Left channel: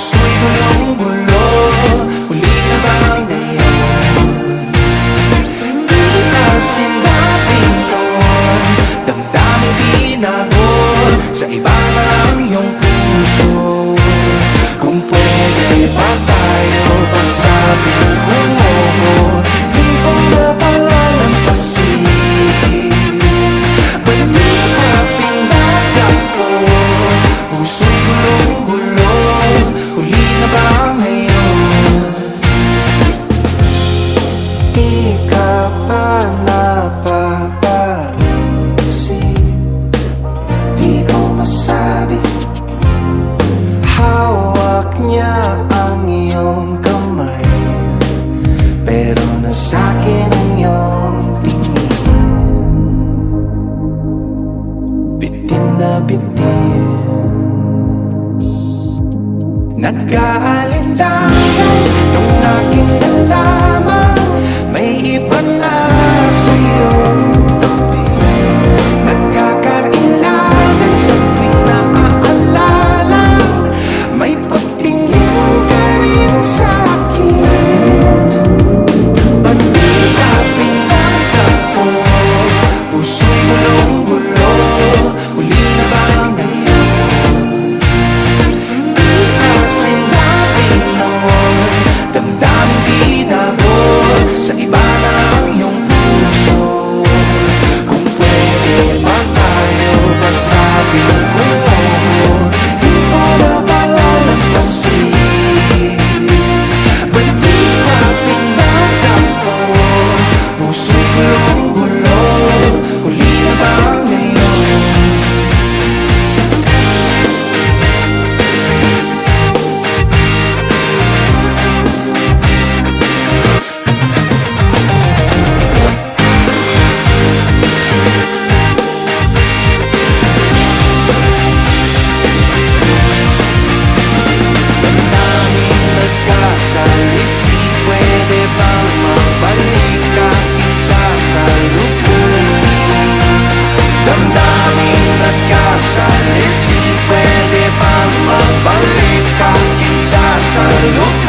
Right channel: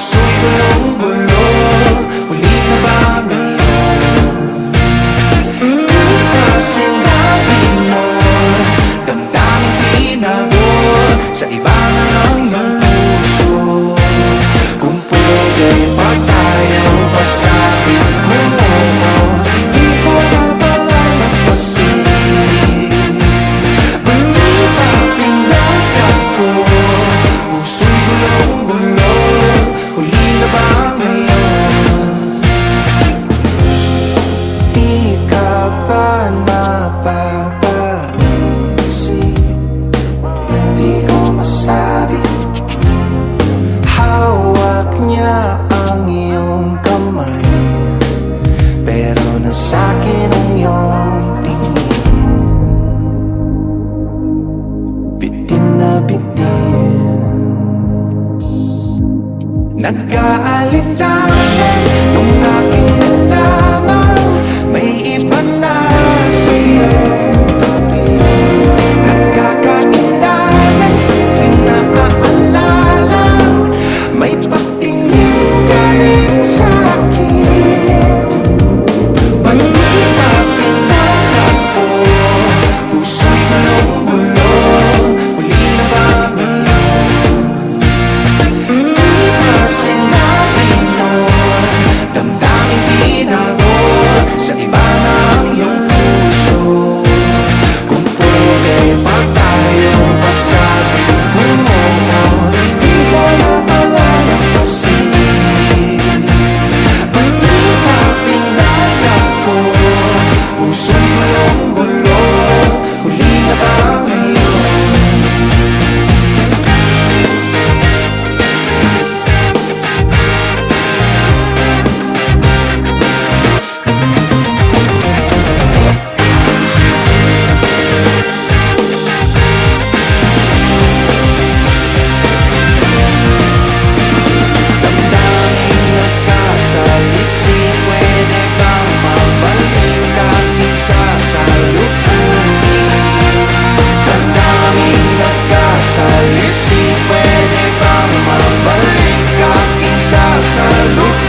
puso'y gulong-gulo. Huli na ba ngayon? Di ba sinabi nun, damdaming tinago, sa iba na ang iyong puso. Kung pwede ba tayo pasabi kung oo, di ko na pala lampasin. Ba't di pa pinagtakbo? Puso'y gulong-gulo. Huli na ba ngayon? Di ka ba napapaisip? Di ko masabi. Hawak niya ang iyong kamay, pero nasa'kin ang iyong tingin. Bitin na bitin. Nag-aalinlangan nung aking nalaman may iba na sa iyong tabi. Nagkakailangan sa tuwing naaalala, may pagtingin ka rin sa'kin. Ba't di pa pinagtakbo? Puso'y gulong-gulo. Huli na ba ngayon? Di ba sinabi nun, damdaming tinago, sa iba na ang iyong puso. Kung pwede pa tayo pasabi kung oo, di ko na pala lampasin. Ba't di pa pinagtakbo? Puso'y gulong-gulo. Huli na ba ngayon? Damdaming nagkasalisi, pwede bang mabalik aking sasalubungin? Damdaming nagkasalisi, pwede bang mabalik aking sasalubungin?